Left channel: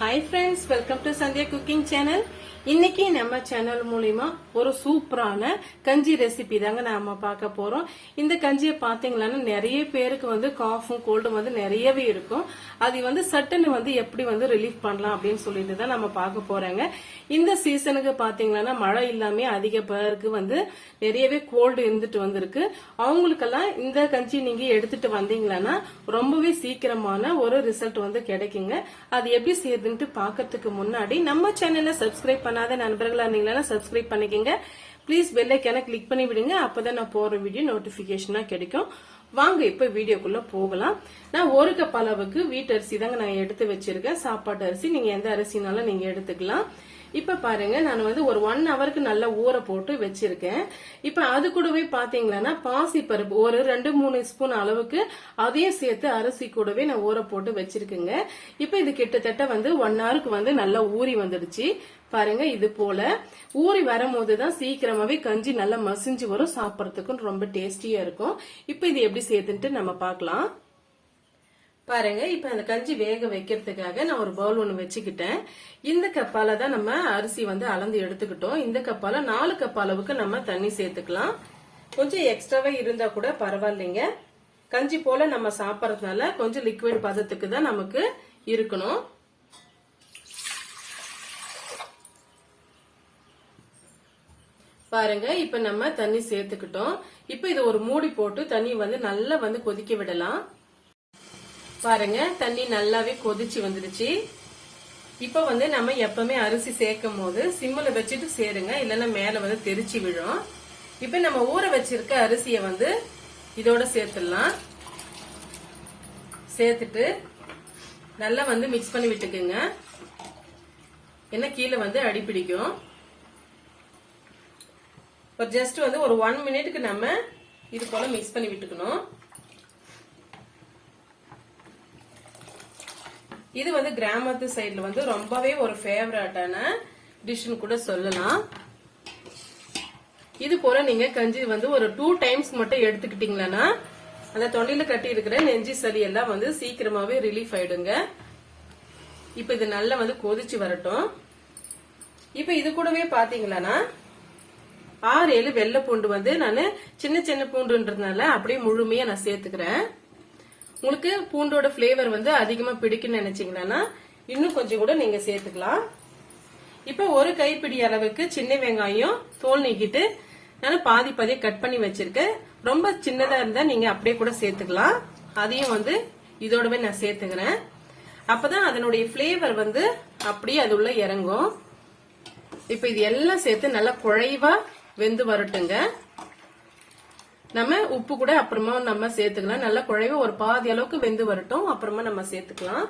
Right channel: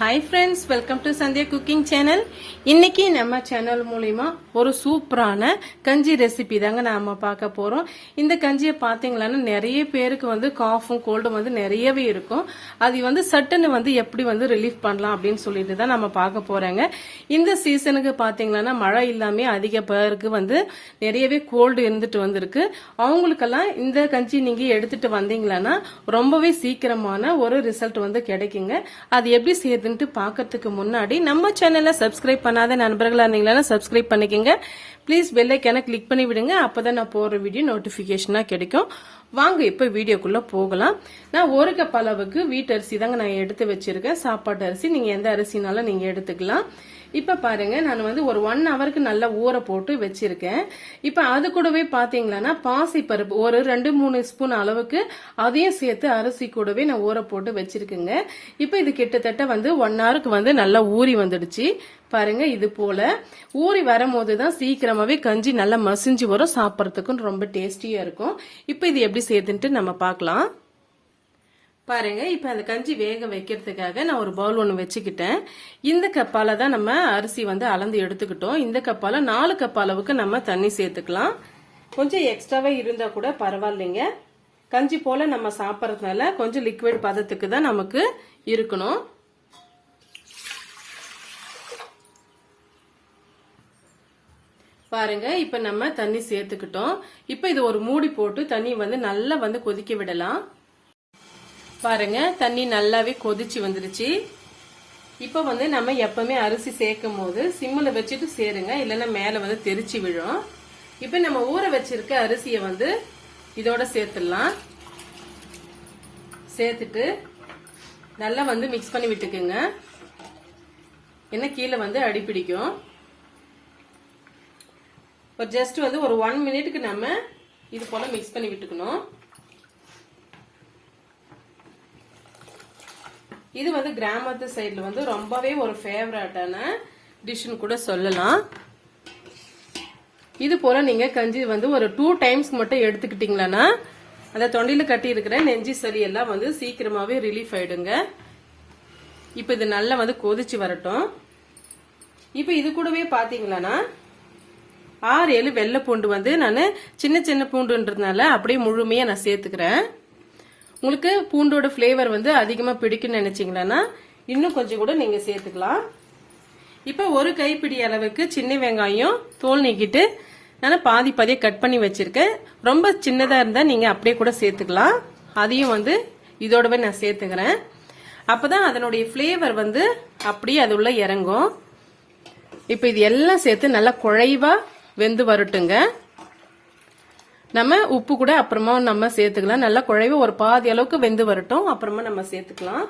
Hi friends welcome to Sandhya cooking channel இன்னைக்கு நம்ம channel மூலிமா ஒரு சூப்பரான கஞ்சி ரெசிபி தாங்க நாம பார்க்க போறோம். இந்த கஞ்சியை பார்த்தீங்களான்னா நிறைய பேருக்கு வந்து காஃபும் கோல்டும் வந்து நிறையவே இருக்கும். அது வந்து சட்டுன்னு வந்து எப்படி வந்து ரிலீஃப் பண்ணலாம் அப்படின்னு சொல்லிட்டு தான் நம்ம பார்க்க போறாங்க. இந்த சீசனுக்கு பார்த்தீங்களான்னா மழை இல்லாமே அதிக பேருக்கு வந்து நிறையவே கோல்டு இருந்துட்டு வந்திருக்கு. அவங்களுக்கெல்லாம் இந்த கஞ்சி நீங்க எடுத்துட்டு வந்தீங்களான்னா ரொம்பவே சீக்கிரமான ஒரு ரிசல்ட் வந்து கிடைக்குங்க. அது எப்படி இருக்குன்ட்டு பார்க்கறதுக்கு முன்னாடி நம்ம சேனலை சப்ஸ்கிரைப் பண்ணாத நண்பர்களாக இருந்தீங்களா சப்ஸ்கிரைப் பண்ணிக்கங்க. ப்ளீஸ் பெல்லைக்கான கிளிக் பண்ணி விடுங்க. அப்பதான் நான் போகிற வீடியோ நோட்டிஃபிகேஷனாக கிடைக்கும். வாங்க இப்போ வீடியோக்குள்ளே போகலாம். நான் ஒரு கப் அளவுக்கு வீட்டு அரிசி தாங்க நான் எடுத்து வச்சிருக்கேன். சாப்பாட்டு அரிசி நீங்கள் எந்த அரிசினாலும் நீங்கள் எடுத்துக்கலாம். இப்போ பாருங்க நான் வந்து ஒரு ஒன் ஹவருக்கு நல்லா ஊற போட்டு வச்சிருக்கேன். இப்போ அது கூடவே பாத்தீங்கன்னா பாசிப்பருப்பு ஒரு ரெண்டு மூணு ஸ்பூன் அளவுக்கு அதையும் சேர்த்து அரிசி கூடவே நான் ஊற போட்டு வச்சிருக்கேங்க. இப்போ இது கிட்டத்தட்ட வந்து ஒன் ஹவருக்கு வந்து நல்லா ஊறி வந்துடுச்சு. பாருங்க இது போல. ஊறி வரும்போது தான் சீக்கிரமாவே கஞ்சி நல்லா மசிஞ்சு வரும் சாப்பிட்றதுக்கும் ரொம்ப டேஸ்டியா இருக்கும். இப்போ இது எப்படி சேர்த்துன்ட்டு நம்ம பார்க்கலாம். பாருங்க இப்போ அந்த கஞ்சி வேக வைக்கிறதுக்காக நான் ஒரு பவுல் ஒன்று வச்சுக்கிட்டேன். இந்த கப்பால தான் நம்ம அரிசி வந்து அளந்து எடுத்துக்கிட்டோம். இந்த கப்பால நாலு கப் அளவுக்கு நம்ம தண்ணி சேர்த்துக்கலாம். கொஞ்சம் எக்ஸ்ட்ராவா இருந்தா கூட பரவாயில்லைங்க. கஞ்சி போல நம்ம சாப்பிட்றதுனால கொஞ்சம் லிக்விட் பதத்துக்கு தான் நமக்கு இருக்கணும். பாருங்க இப்ப நம்ம தண்ணி சேர்த்துக்கிட்டோம். இப்ப இது ஒரு மூடி போட்டு தண்ணி வந்து நல்லா வந்து கொதிக்க விடலாம். பாருங்க தண்ணி நல்லாவே கொதிச்சு வந்துருச்சு. இப்ப வந்து நம்ம எப்பவுமே அரிசி சேர்க்கும் போது சிம்மில் வச்சுட்டு சேருங்க இல்லைன்னா மேல வந்து தெரிச்சு விழும். இப்ப நம்ம ஊற வச்சிருக்க அரிசிய வந்து இதோட சேர்த்துடலாம். சேர்த்துட்டு நல்லா வந்து மிக்ஸ் பண்ணி விட்டுக்குங்க. என்ன கீழே வந்து அடி பிடிக்கும். ஒரு ஜஸ்ட் வந்து ஒரு ஒன் மினிட்டுக்கு நம்ம இது போல மிக்ஸ் பண்ணி விட்டுக்கணும். இது வந்து கிராமத்து சைடில் வந்து ரொம்பவே ஒரு ஃபேவரட்டான டிஷ்னு கூட சொல்லலாம். இது போல நீங்க கஞ்சி வந்து ஒரு டூ டைம்ஸ் மட்டும் எடுத்துக்கிட்டீங்களா அந்த தொண்டையில் கட்டி இருக்கிற நெஞ்சி சளி எல்லாம் வந்து சீக்கிரமாவே ரிலீஃப் ஆயிடுங்க. இப்ப இது நல்லா வந்து கொதிச்சு வரட்டும். இப்ப இது கூடவே பாத்தீங்களா ஆறு ஏழு வெள்ளை பூண்டு வந்து நான் சின்ன சின்ன பூண்டுன்றதுனால அப்படியே முழுமையா நான் சேர்த்துக்கிறேன். உங்களுக்கு பூண்டோட ஃப்ளேவர் வந்து அதிகமா பிடிக்கும்னு நினைச்சீங்கன்னா இன்னும் கொஞ்சம் கூட நீங்க சேர்த்துக்கலாம். இப்ப ஒரு கைப்பிடி அளவுக்கு சின்ன வெங்காயம் தோல் நீக்கிட்டு நான் பாதி பாதியை கட் பண்ணி வச்சிருக்கேன். ரொம்ப சின்னதா இருந்தா நீங்க அப்படியே கூட சேர்த்துக்கலாம். அதையும் வந்து இதோடவே நான் சேர்த்துக்கிறேன். அப்பதான் அதனுடைய ஃப்ளேவர் வந்து அப்படியே அது உள்ள இறங்கும். இப்ப இது எல்லாம் சேர்த்து நல்லா குழைவா வெந்து வரட்டுங்க. நம்ம உப்பு கூட அப்புறமா நம்ம சேர்த்துக்கலாம். நல்லா குழைவு ஒரு பாதி அளவுக்கு வெந்து வரட்டும். அப்புறமா நம்ம சேர்த்துக்கலாம்.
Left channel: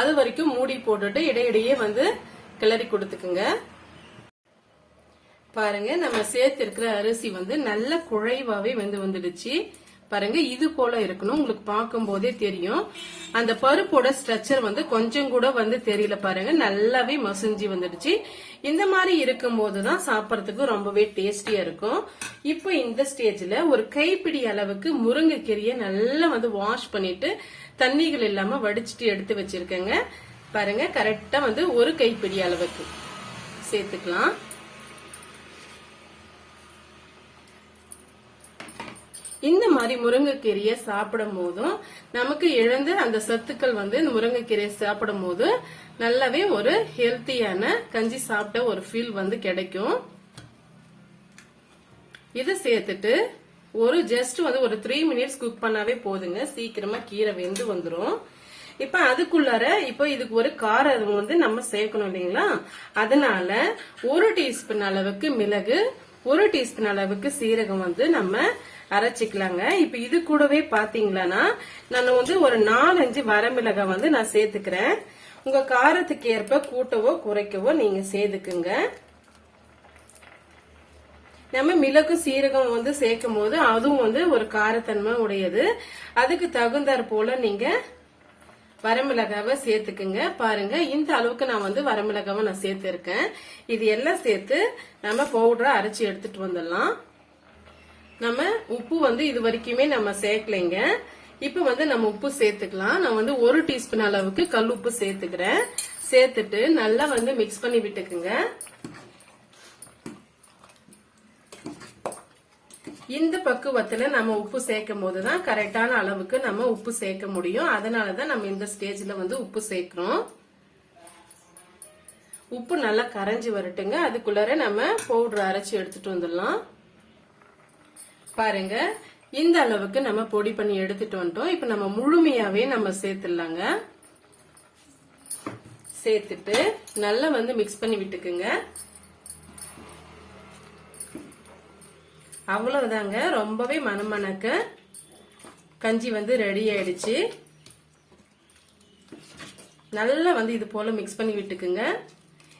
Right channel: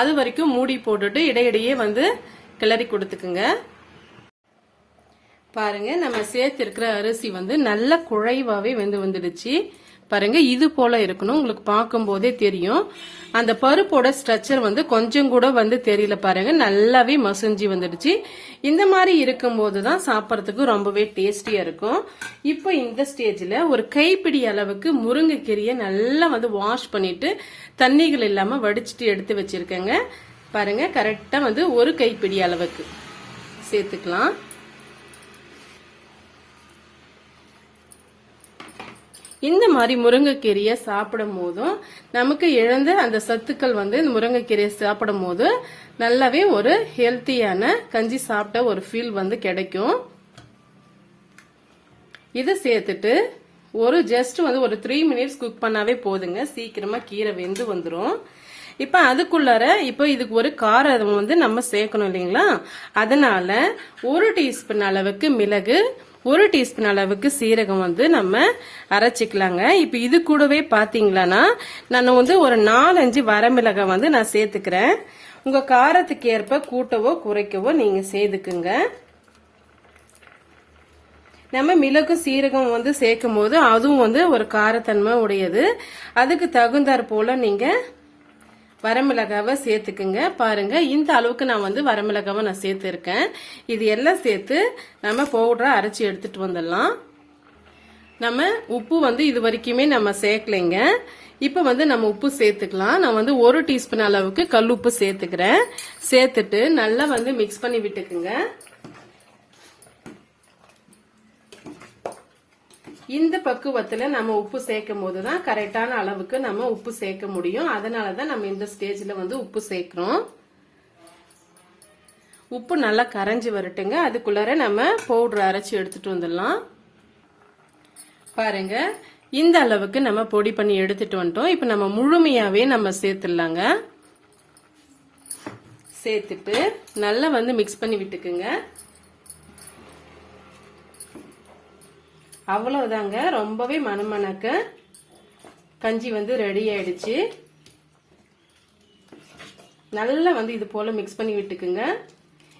அது வரைக்கும் மூடி போட்டுட்டு இடையிடையே வந்து கிளறி கொடுத்துக்குங்க. பாருங்க நம்ம சேர்த்திருக்கிற அரிசி வந்து நல்ல குழைவாவே வெந்து வந்துடுச்சு. பாருங்க இது போல இருக்கணும். உங்களுக்கு பார்க்கும்போதே தெரியும். அந்த பருப்போட ஸ்ட்ரக்சர் வந்து கொஞ்சம் கூட வந்து தெரியல பாருங்க. நல்லாவே மசிஞ்சு வந்துடுச்சு. இந்த மாதிரி இருக்கும்போது தான் சாப்பிட்றதுக்கு ரொம்பவே டேஸ்டியா இருக்கும். இப்போ இந்த ஸ்டேஜ்ல ஒரு கைப்பிடி அளவுக்கு முருங்கைக்கீரியை நல்லா வந்து வாஷ் பண்ணிட்டு தண்ணிகள் இல்லாம வடிச்சிட்டு எடுத்து வச்சிருக்கேங்க. பாருங்க கரெக்டா வந்து ஒரு கைப்பிடி அளவுக்கு சேர்த்துக்கலாம். இந்த மாதிரி முருங்கைக்கீரையை சாப்பிடும் போதும் நமக்கு இழந்த அந்த சத்துக்கள் வந்து இந்த முருங்கைக்கீரையை சாப்பிடும் போது நல்லாவே ஒரு ஹெல்த்தியான கஞ்சி சாப்பிட்ட ஒரு ஃபீல் வந்து கிடைக்கும். இதை சேர்த்துட்டு ஒரு ஜஸ்ட் வந்து ஒரு த்ரீ மினிட்ஸ் குக் பண்ணாவே போதுங்க. சீக்கிரமா கீரை வெந்து வந்துடும் இப்ப அதுக்குள்ளார இப்ப இதுக்கு ஒரு காரம் வந்து நம்ம சேர்க்கணும் இல்லைங்களா? அதனால ஒரு டீஸ்பூன் அளவுக்கு மிளகு ஒரு டீஸ்பூன் அளவுக்கு சீரகம் வந்து நம்ம அரைச்சிக்கலாங்க. இப்ப இது கூடவே பாத்தீங்களன்னா நான் வந்து ஒரு நாலஞ்சு வரமிளகாய் வந்து நான் சேர்த்துக்கிறேன். உங்க காரத்துக்கு ஏற்ப கூட்டவோ குறைக்கவோ நீங்க சேர்த்துக்குங்க. நம்ம மிளகு சீரகம் வந்து சேர்க்கும் போது அதுவும் வந்து ஒரு காரத்தன்மை உடையது. அதுக்கு தகுந்தாற் போல நீங்க வரமிளகாவை சேர்த்துக்குங்க. பாருங்க இந்த அளவுக்கு நான் வந்து வரமிளகாவை நான் சேர்த்துருக்கேன். இது எல்லாம் சேர்த்து நம்ம பவுடரா அரைச்சி எடுத்துட்டு வந்துடலாம். நம்ம உப்பு வந்து இது வரைக்குமே நம்ம சேர்க்கலைங்க. இப்போ வந்து நம்ம உப்பு சேர்த்துக்கலாம். நான் வந்து ஒரு டீஸ்பூன் அளவுக்கு கல் உப்பு சேர்த்துக்கிறேன். சேர்த்துட்டு நல்லா வந்து மிக்ஸ் பண்ணி விட்டுக்குங்க. இந்த பக்குவத்துல நம்ம உப்பு சேர்க்கும் போதுதான் கரெக்டான அளவுக்கு நம்ம உப்பு சேர்க்க முடியும். அதனாலதான் நம்ம இந்த ஸ்டேஜ்ல வந்து உப்பு சேர்க்கிறோம். உப்பு நல்லா கரைஞ்சி வரட்டுங்க. அதுக்குள்ளார நம்ம பவுடர் அரைச்சி எடுத்துட்டு வந்துடலாம். பாருங்க. இந்த அளவுக்கு நம்ம பொடி பண்ணி எடுத்துட்டு வந்துட்டோம். இப்ப நம்ம முழுமையாவே நம்ம சேர்த்துடலாங்க. சேர்த்துட்டு நல்லா வந்து மிக்ஸ் பண்ணி விட்டுக்குங்க அவ்வளவுதாங்க. ரொம்பவே மணமணக்க கஞ்சி வந்து ரெடி ஆயிடுச்சு. நல்லா வந்து இது போல மிக்ஸ் பண்ணி விட்டுக்குங்க.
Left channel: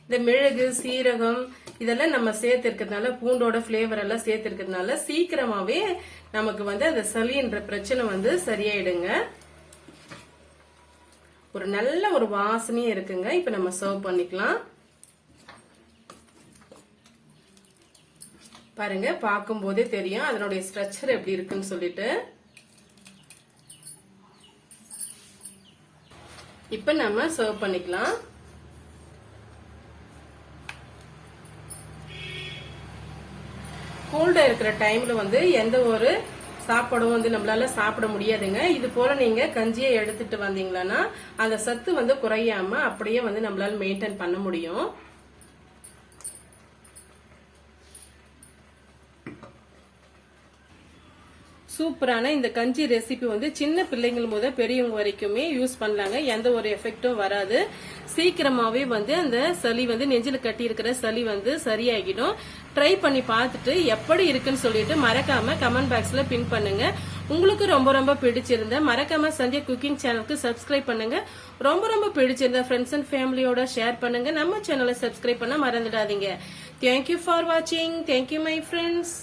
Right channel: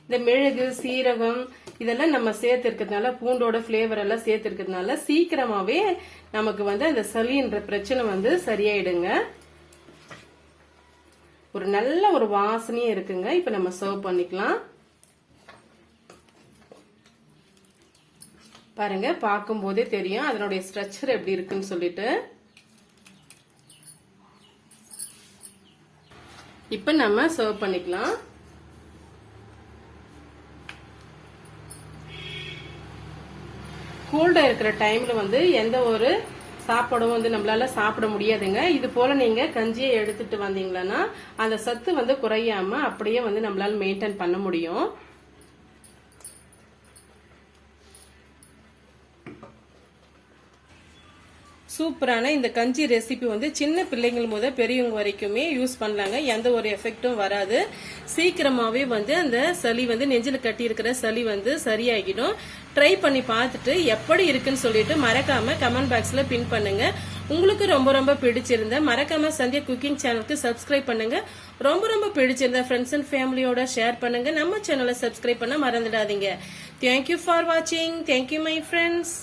இந்த மிளகு சீரகம் இதெல்லாம் நம்ம சேர்த்திருக்கிறதுனால பூண்டோட பிளேவர் எல்லாம் சேர்த்திருக்கிறதுனால சீக்கிரமாவே நமக்கு வந்து அந்த சளின்ற பிரச்சனை வந்து சரியாயிடுங்க. ஒரு நல்ல ஒரு வாசனையும் இருக்குங்க. இப்ப நம்ம சர்வ் பண்ணிக்கலாம். பாருங்க பார்க்கும் போதே தெரியும் அதனுடைய ஸ்ட்ரக்சர் எப்படி இருக்குன்னு சொல்லிட்டு. இப்ப நம்ம சர்வ் பண்ணிக்கலாம். கோல்டா இருக்கிற டைம்ல வந்து எந்த ஒரு சாப்பாடும் வந்து நம்மளால சாப்பிட முடியாதுங்க. இது போல நீங்க கஞ்சியை எடுத்துட்டு வந்தீங்களன்னா அந்த சத்து வந்து குறையாம அப்படியே வந்து நம்மளால மெயின்டைன் பண்ண முடியும். சூப்பரான இந்த கஞ்சி ரெசிபி வந்து சின்ன பிள்ளைங்கள் முதல் பெரியவங்க வரைக்குமே யூஸ் பண்ணலாங்க. எந்த ஒரு எஃபெக்டும் வராது. சீக்கிரமாவே வந்து அந்த சளி வந்து நெஞ்சில் கட்டி இருக்கிற சளி வந்து சரியாகிடும். ட்ரை பண்ணி பார்த்துட்டு எப்படி இருக்குன்னு சொல்லிட்டு மறக்காம கமெண்ட் பாக்ஸ்ல பின் பண்ணுங்க. உங்களுக்கு ரொம்ப ரொம்ப பிடிச்சிருந்த மறக்காம சந்தியா குக்கிங் சேனலுக்கு சப்ஸ்கிரைப் பண்ணுங்க. ரொம்ப ரொம்ப பிடிச்சிருந்த ஃப்ரெண்ட்ஸ் அண்ட் ஃபேமிலியோட ஷேர் பண்ணுங்க. நம்ம சேனலை சப்ஸ்கிரைப் பண்ண மறந்துடாதீங்க. தேங்க்யூ ஃபார் வாட்சிங் தேங்க்யூ மை ஃப்ரெண்ட்ஸ்